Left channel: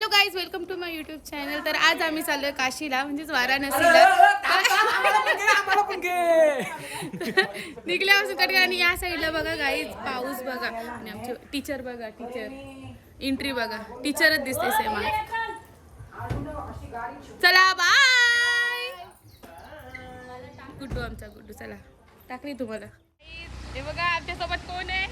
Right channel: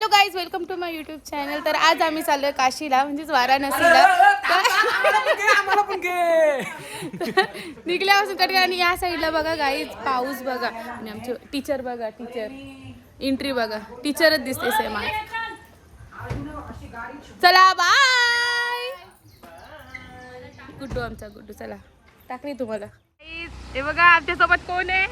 Hello guys, welcome to my YouTube channel. तर आज आम्ही चाललोय काशीला, म्हणजेच वाराणसीला. निघल्यापासून कडे आणि या साईडला बघा गाईज पाऊस बघा आणि आमचे टीचर बघा, टीचर एंट्री बघा, टीचरच दिसते सेम. चला बाय. गुड्डू आमचा गुड्डू, चला टाकली तुम्हाला. हे बघा आमच्या सोबत कोण आहे.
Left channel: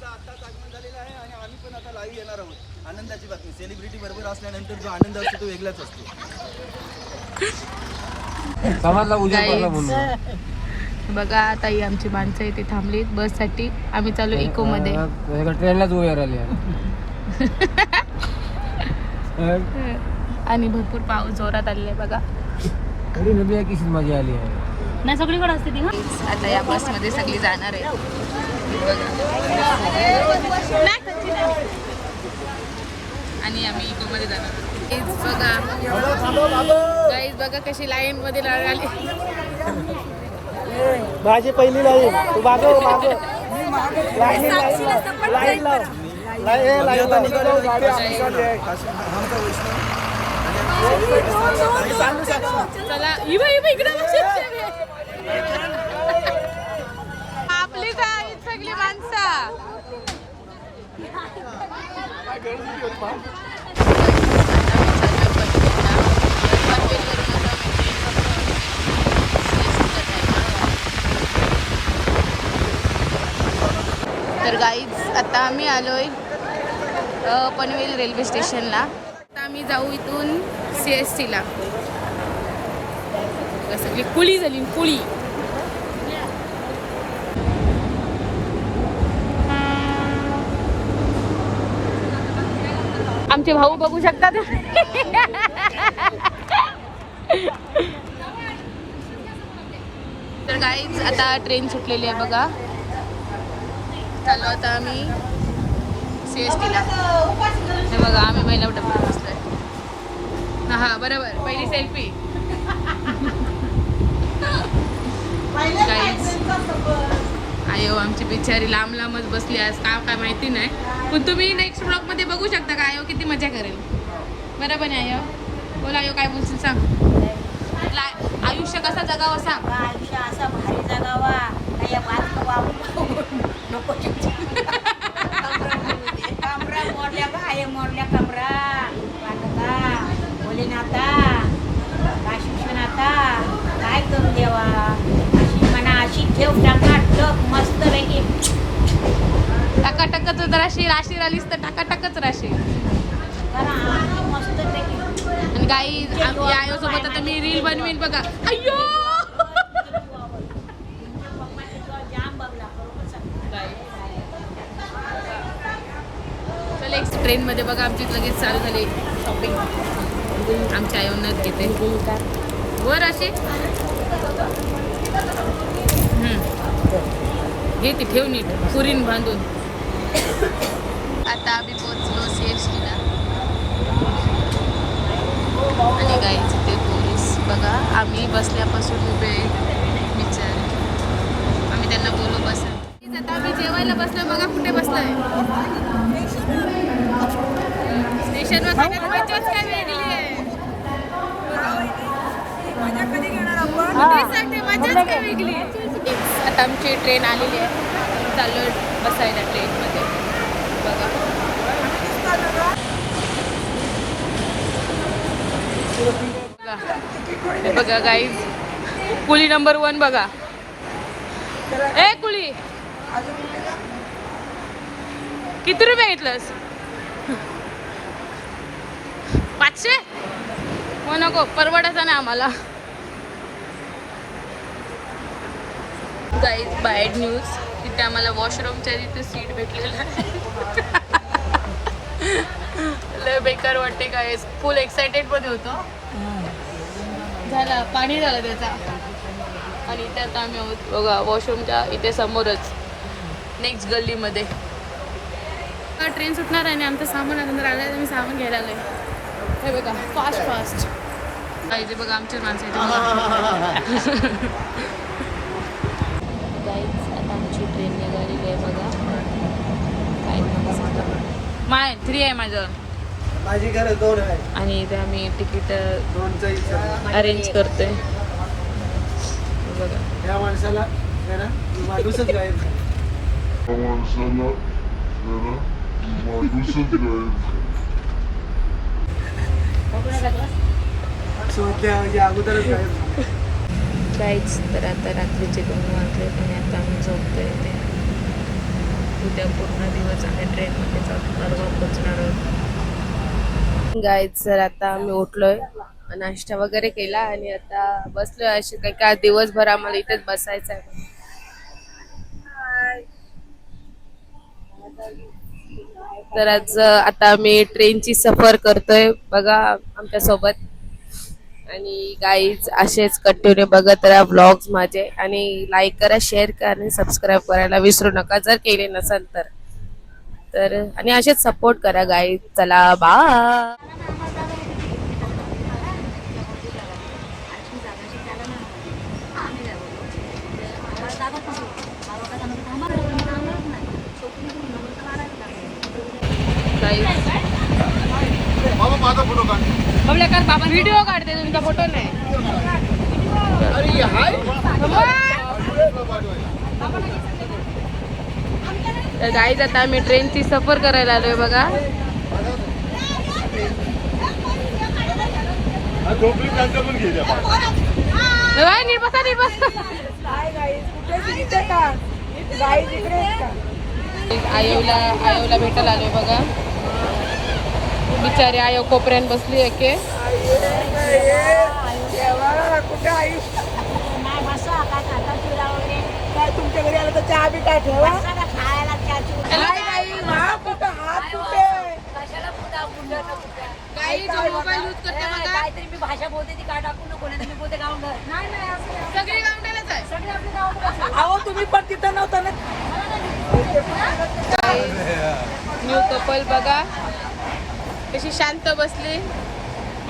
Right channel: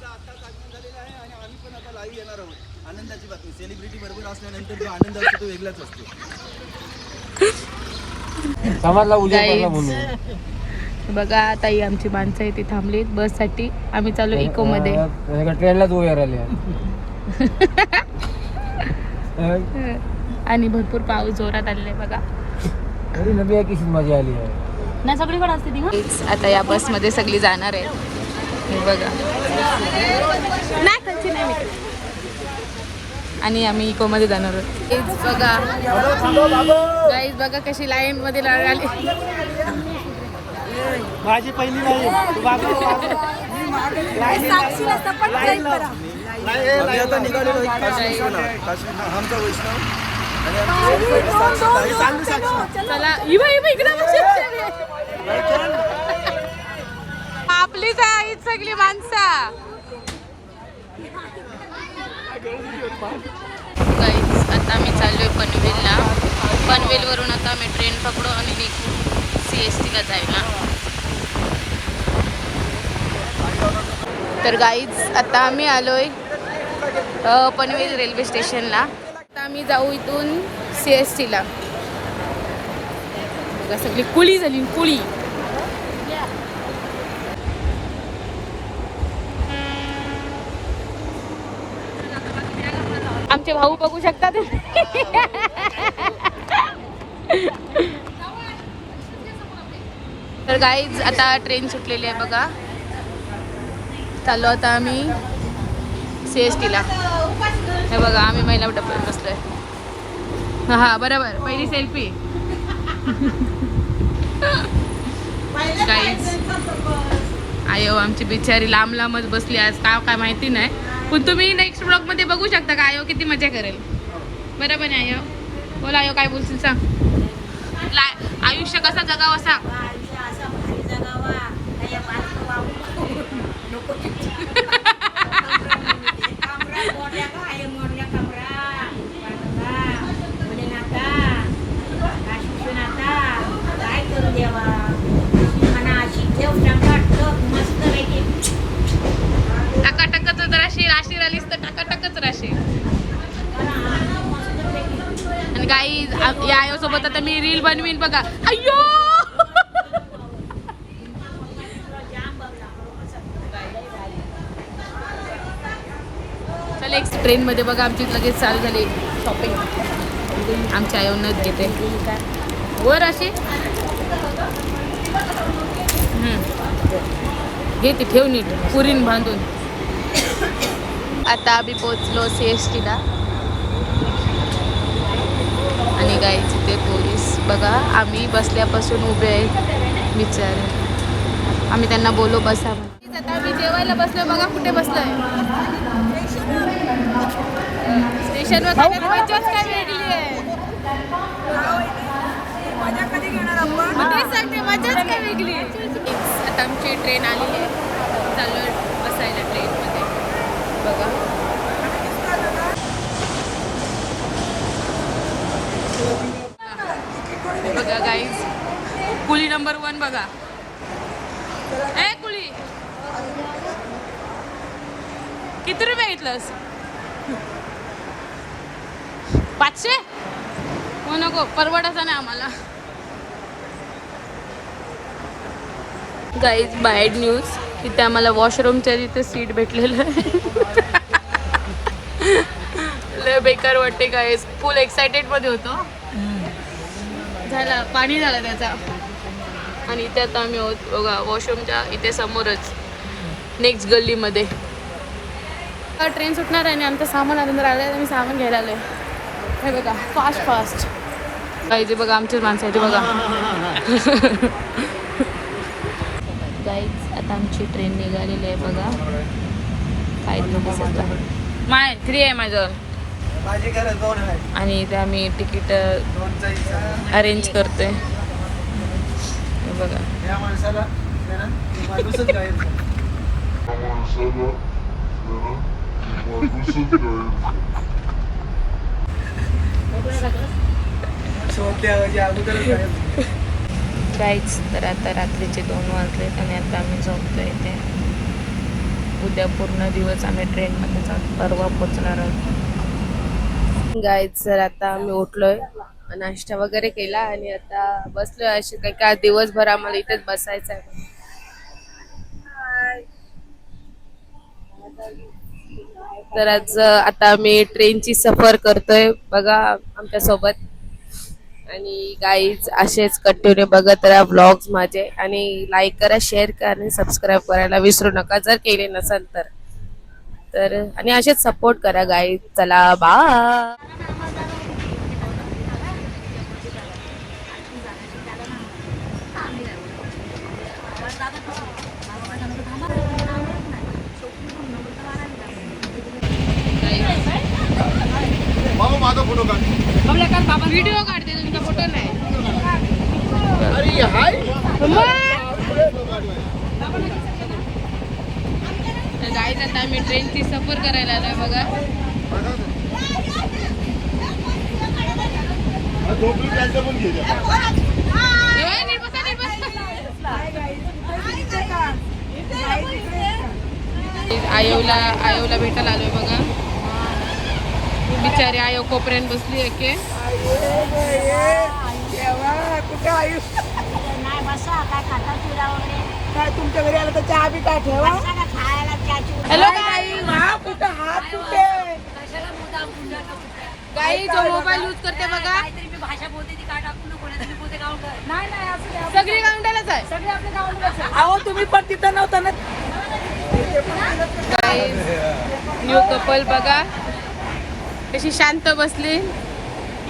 आताच आगमन झालेलं आहे आणि आम्ही पण आता लाईव्ह येणार आहोत. आनंदाची बातमी. सेलिब्रिटी बरोबर असल्यानंतर जो आनंद असतो तो वेगळाच असतो. बघा ताई आमची माणसं इथे थांबलीत बस साठी. आम्ही चालू इको मध्ये. ट्रेनला जो आणि भरपूर पाऊस जोरात आलेला आहे बघा. मजा आली आहे ना सगळीकडे असते ती. आता या बस मध्ये सगळी जाणार आहे बघा. आणि आम्ही इको मध्ये जाणार आहोत. हेच बघा गाईज, बघा कशी लाईन मध्ये लागली. माझी पहिली लाईन. आता निघालेलो काशी विश्वनाथ, आमचा वैष्णव आणि आपलीच आहेत सगळी माणसं. आता आम्ही चाललोय पनवेलला. पनवेलवरून आता आम्ही ट्रेन पकडू आणि CSTला जायला. तर गाईज आता आम्ही आलोय पनवेल रेल्वे स्टेशनला. आता आम्ही जाऊ इथून CSTला. सगळी कुळी झाली कुळी. आमचे भाऊ बघू शकतात. तर गाईज आता ट्रेन सुटलेली आहे बघा. चाललो आता आम्ही CSTला. हे बघा आम्ही महिला टप्प्यात बसलोय. हा बरोबर, पहिली सेल्फी. गाईज आयो आमची बिचारी लांब लांबच बसली आज. काय माहिती नाही, पण तुम्ही नेक्स्ट ब्लॉग मध्ये बघू शकता का आयो किती मजा करेल. बरोबर नाही आयो? बोला आयो, काय बोलशील सांग. आयुष्य कसं जगावं सांग. आयुष्य असं भारी जगावा. कमरा मोडल्या बाहेर मोडल्या कमरा वाटता मुलीनाता काय शिक्षणाता काय करू देवा. अशी म्हणा अशी ठेव टकाटक मस्त पैकी. टकाटकच राशी राशी राहिलीस तर टकाटकच राशी. मस्त पैकी. आणि काही या आयो सोबत आता मी रील बनवीन बघा. अय्यो चल एक ट्रेन मध्ये बघा आमची लगेच चालू झाली शॉपिंग. आमच्या आयोनच घेते वर अशी घे ती ठेव नीट पुरीन बांधून. आता आम्ही पोचलो CSTला. आणि गाईचे ते पोलीस बघा आम्ही बसल्यापासून उभे आहेत विचार. आम्ही त्यांना बोलू बसा. आता आम्ही जेवायला बसलोय बघा. कुठे बसलोय? स्टेशनवर. मजाच काय वेगळी आहे. मजा कधी घेणार आपण? तेच सांगते, मजाच काय वेगळी. आता आमची ट्रेन आलेली आहे. चाललोय बसायला ट्रेनमध्ये. हे बघा गाईज, कुली नंबर 1 बघा. ए कुली किती रुपये घेतलंस? 500? हो नको, परवडायचा नाही आम्हाला. गाईज बॅड न्यूज, तिथे आम्हाला वॉशरूमच्या तिथे सीट भेटलेलं आहे. लय बेकार वाटते गाईज. फुल एक्सायटेड मध्ये होतो. झाला पाणी झालं त्याचा. आणि इथे आता आम्ही आहोत बघा वॉशरूमच्या इथे समोरच नेक्स्ट गल्लीमध्ये. ट्रेन सुटणार आहे आणि आमचं सामान अंदर आलं आहे. आम्ही सामान घ्यायला आलो आहे. हे बघा फास्ट फास्ट. इथे बघा आमचीच माणसं आहे ते बघा. आमची ट्रेन निघालेली आहे बघा. माय 3 आहे माझं. माझी घरात 2 आहे. आणि इथे आम्ही तिकीट 2चा हिशोब. अरेंज करतोय. हे बघा या माणसाला आहे ना, माणूसच गायब झाला. सोप्या या अगोदरच गायब. गाईच तर आता रात्रीचे 2 वाजलेत आणि आता आम्ही झोपतोय इथे. उद्या पूर्ण दिवस आम्ही ट्रेनमध्ये जातो, परवा पोचणार आहोत. गाईच तर आता आम्ही उठलोय, नाश्ता वगैरे केला आणि आता बसलोय अशी काही काय दिवसभर आम्हाला इथेच बसायचं आहे. तर आज आता आम्ही ट्रेनची सफर करतोय बघा आमच्या सोबत. आणि गाईज असेच कंटिन्यू बघत राहा व्लॉग्स माझे आणि लाईक करा, शेअर करा आणि सबस्क्राईब करायला विसरू नका जर केले नसाल तर आणि असेच सपोर्ट करा गाईज. चला बाय. माझा फोटो काढ. व्हिडिओ काढते तुमचा फोटो नाही. अरे हाय. तर गाईज आता आम्ही ट्रेनची सफर करायला आलोय बघा. झोपली त्यांचं पण घे. आयोला भेटायला आलोय बघा. बिचारी आयो कोपऱ्यान बसली आहे के. तुमच्या घरी आलं तर चहा बी काय ठेवा. हॅलो गाई जो मोबाईल यूज करते बघा. मी भाषा बोलते ती काय टाकू नको, नाही बोलते गावंडर. नाही असू द्या. सगळी गावंडरच आहे. सगळे आपले गावंडर. अहो तुम्ही पण तिथं नव्हता ना. न्यू कपल बघा कशी शांत बसली.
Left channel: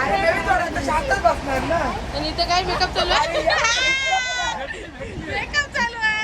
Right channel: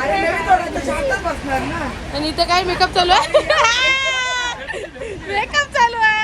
अरे नवीन जोडा शांतच बसणार ना. आणि इथं काय मेकअप चालू आहे. मेकअप चालू आहे.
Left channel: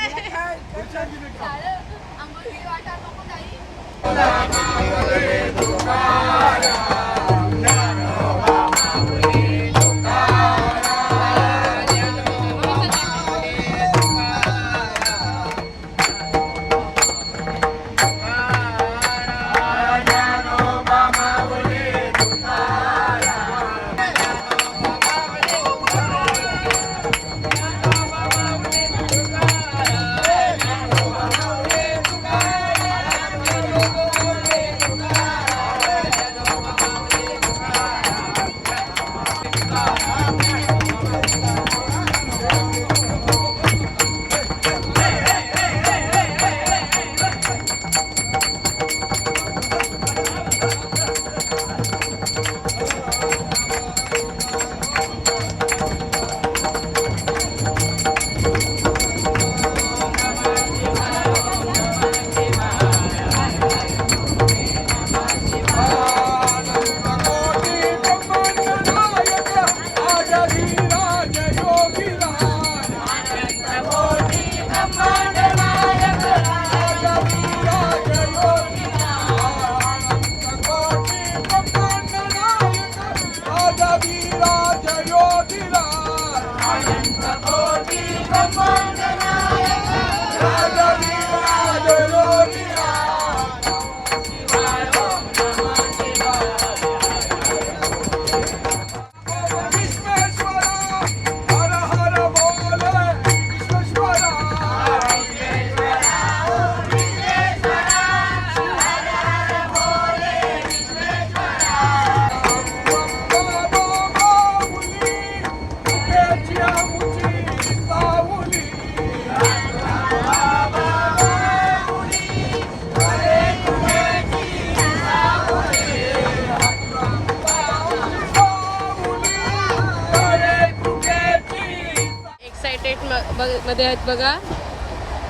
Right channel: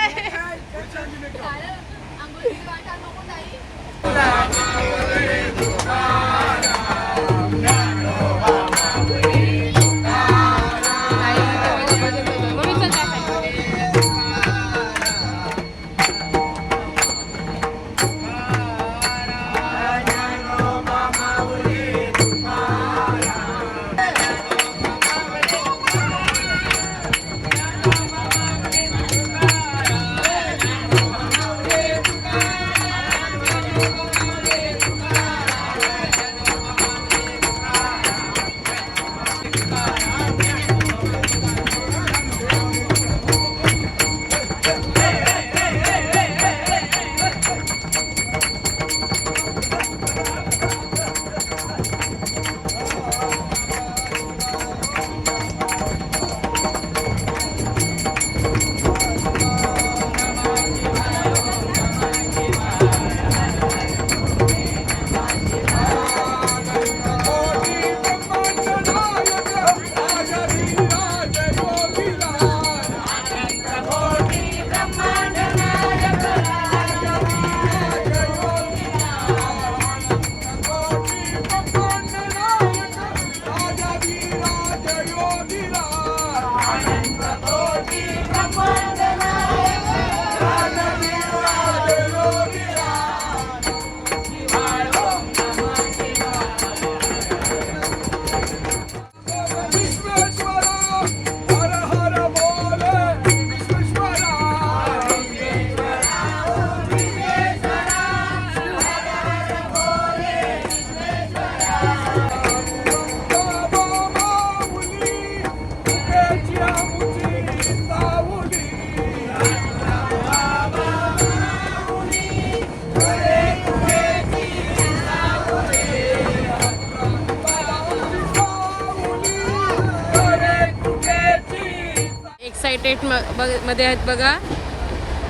मध्ये आहेत बघा.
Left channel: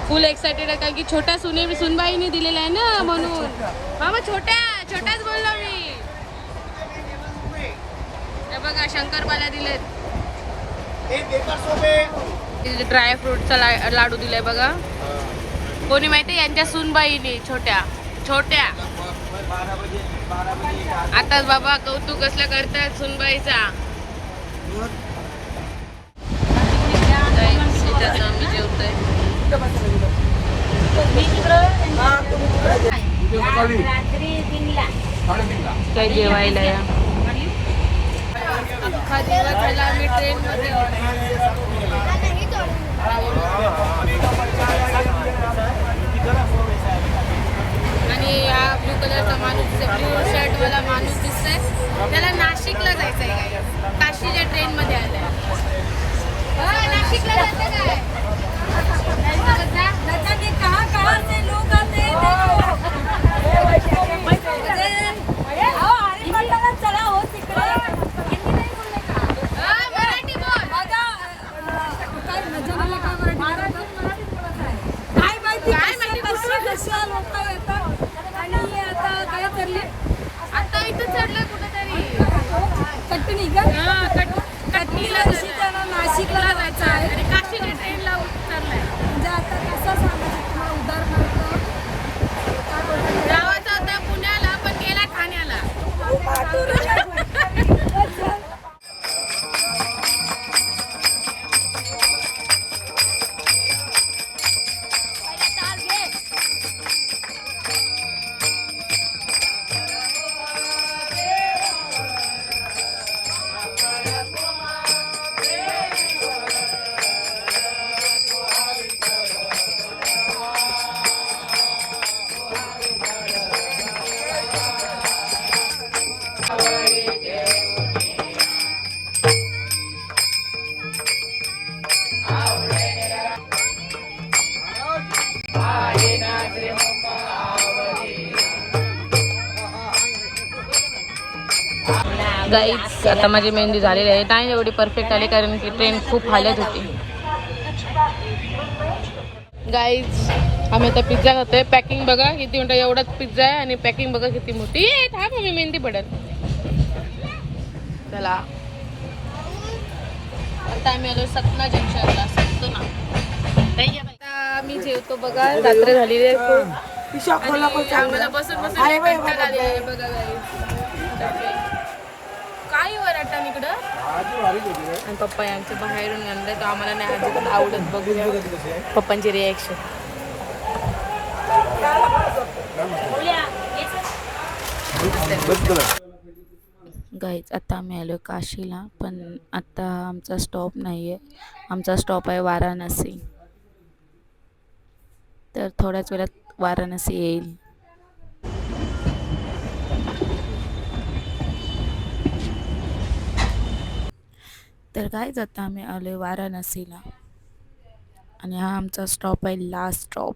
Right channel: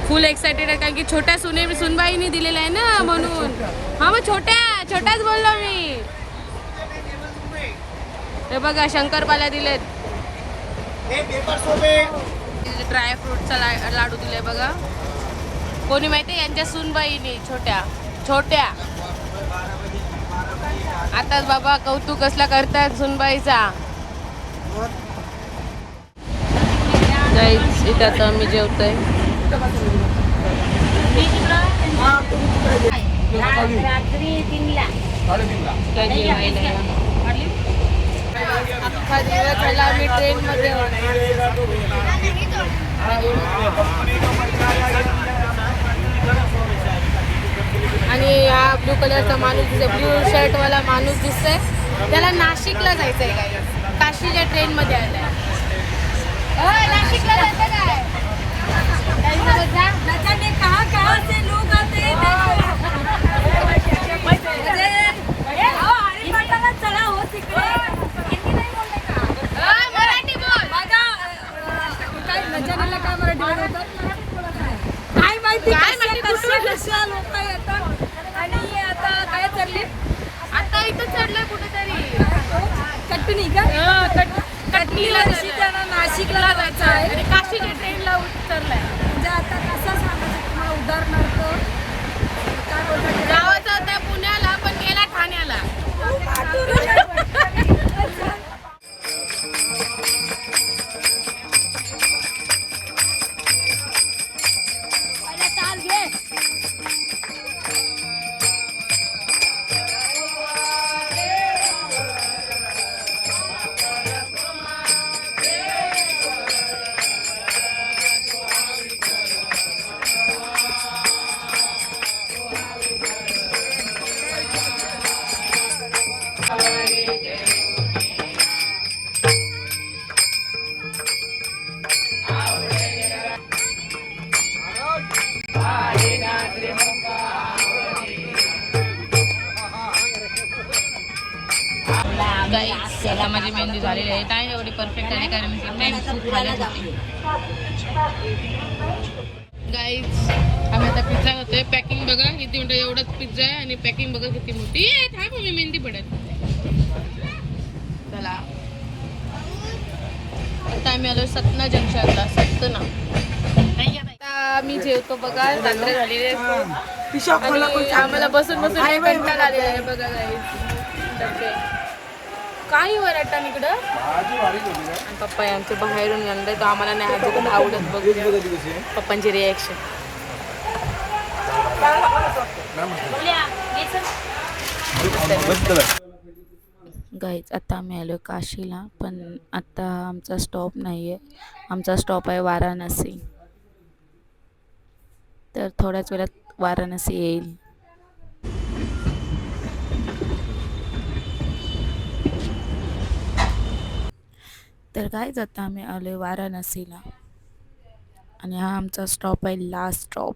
फुल एक्साइटेड आहे कारण की छोट्या सुनबाईने दिलेला आहे ना म्हणून. हा मग छोट्याच बोललो मी. हे बघा शंकरपाल्या दिलेत. ड्रायफ्रूटचा लाडू दिलाय बघा. कोणी माहितीये यांच्या सुनबाईने छोट्या आताच बाबा कौतुक कसला करतात सुनबाईचा. Guys, इथे आता आम्ही जेवतोय. काय जेवायला अख्खा दिवस झाला आम्ही ट्रेन मध्ये. आणि हा ब्लू कलरचा माणूस, ब्लू शर्ट वाला माणूस दिसतोय, त्याला नाशिकला जायचंय. काय काशीच्या ट्रेन मध्ये आलाय. नाशिकला जायचं काय? कहाँ से लोग आते हैं चला हो तिकडे. मराठी बोल. काय नजनाला काय मराठी बोलतात काय माहिती. कशा लोक येतात आणि आता काय चालले. आता इथं चढलंय कुठेतरी कटणी का. कटणीला त्यांना नाशिकला जायचं आहे आणि काशीच्या ट्रेनला उतरलाय. म्हणजे आता कसं सांगायचं तुम्हाला उदाहरणार्थ जावाचा होता पुण्याला पण गेला ठाण्याला. गाईज आता माझी मेहंदी झालेली आहे. नाही एवढी परफेक्ट आली कारण की ट्रेन खूप हालत होती. गाईज आम्ही आता पिझ्झा खातोय. पॅकिंग बघा किती मोठा, एवढाच पिझ्झा आहे आणि पॅकिंग बघा किती मोठी. थांब मी मेहंदी पडत. चला आता आम्ही आलो सतना जंक्शनला. सतना मी जेवतो बघा. रात्री झालेली आहे आम्हाला बसून बसून कंटाळा आलेला बघा. काही वराटन इकडं पप्पा आमच्या बाहेरून आणलंय तर आम्हाला नाही अजिबात आवडत. बघून पप्पांची रिॲक्शन. गाईज आता आम्ही आलो काशीला, पण आता आमचा स्टॉप नाही आहे. आमचा स्टॉप आहे वाराणसी. तर थोड्याच वेळात वाराणसी येईल. तर गाईज आता आम्ही आलो आहे वाराणसीला आणि हा आमचा स्टॉप आहे, लास्ट स्टॉप.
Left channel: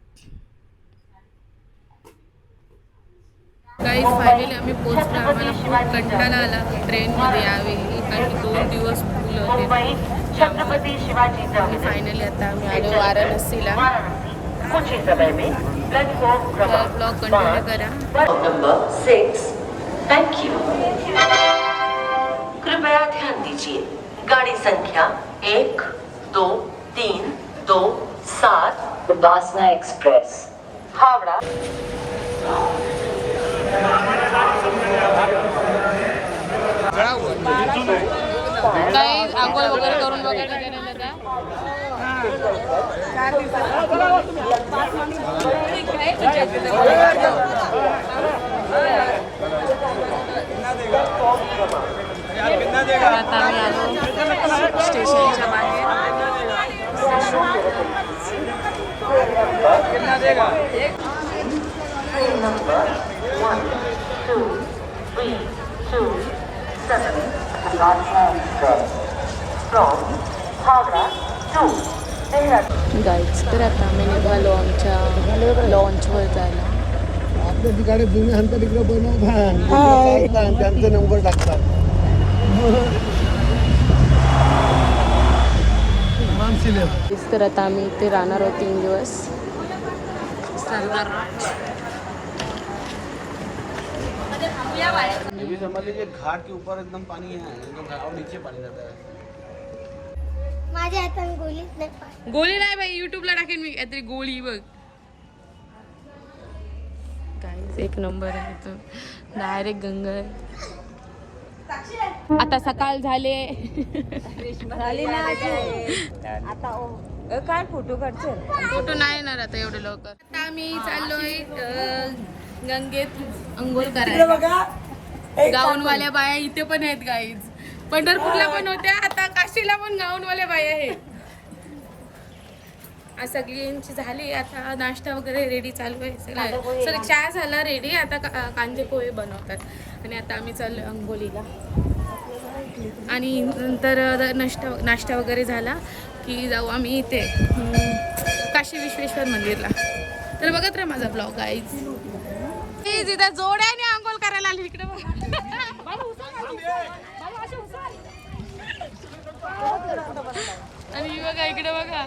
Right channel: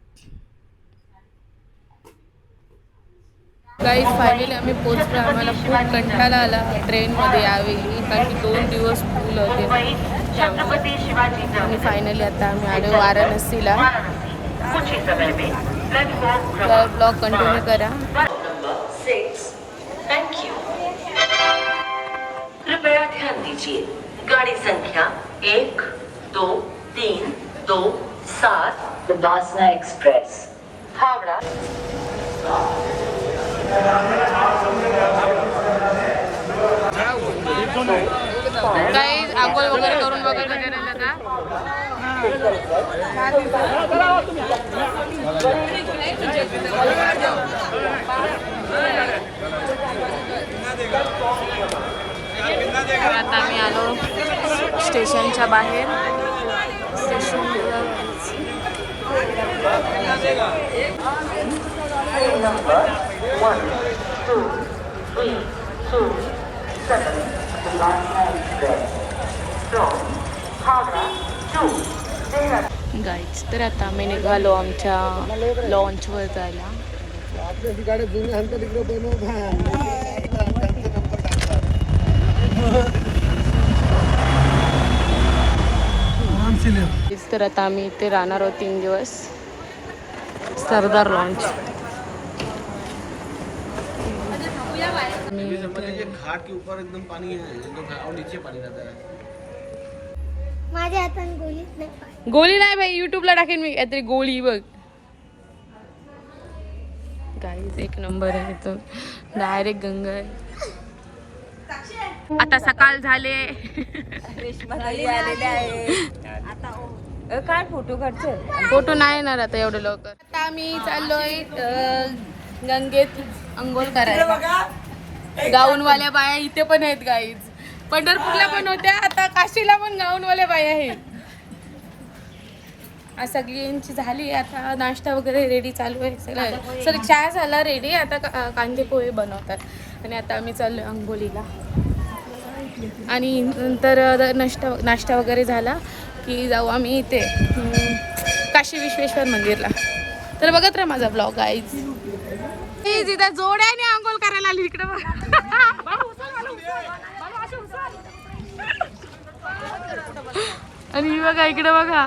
गाईज फायनली आम्ही पोहोचलो. आम्हाला खूप कंटाळा आला ट्रेनमध्ये यावेळी कारण की 2 दिवस फुल होते आणि फायनली आता आम्ही आलो वाराणसीला. तर ब्लॉग कंटिन्यू करा. Number 6 thank you. कृपया ध्यान दीजिए गाड़ी संख्या 1 2 3 2 7 बासना एक्सप्रेस हावड़ा. काही आंघोळ वगैरे करून बघा गजानन दादा. आता आम्ही आलो स्टेशनच्या बाहेर. नंबर 1 2 3 2 7 बासना express from Howrah to Dehradun. Guys तर आता आम्ही निघालो आमच्या लॉन्चवर जायला. त्यांचे नंबर टाकतात. तर आता आम्ही इथे राहणार आहोत 3 दिवस. सरदार लॉन्च. घाट के ऊपर एकदम पानी है और नीचे पानी रहता है. माझ्या हातात गोलीच नाही. गोळी नाही बाई, युट्यूबला टाकेन मी काहीतरी गोळी बघ. गाईज एक नंबर आहे इथून डायरेक्ट गंगा आहे. आता सकाळ झाले. फोटो नाही येणार आता एवढे लवकर. आता आम्ही चाललोय गंगेत अंघोळ करायला. गाऊनवाल्या बाया इथे पण आहेत गाईज. पंढरपूरला पण होत्या, आता काशीला पण गाऊनवाल्या बाया आहेत. आज सगळ्यांची झाली. आता नाश्ता वगैरे रेडी चालू आहे सगळं. सर चहा झाला रेडी. आता कांदे पोहे बनवतात आणि आता आम्ही चाललो अंघोलीला. आणि नंतर नाश्ता वगैरे झाला की जाऊ आम्ही इथे काशी विश्वेश्वर मंदिरला. तर बघत राहा माझा ब्लॉग गाईज. तिथं जोड्याने अंघोळ करायला आली इकडे बघ. आणि बघा इकडे बघा.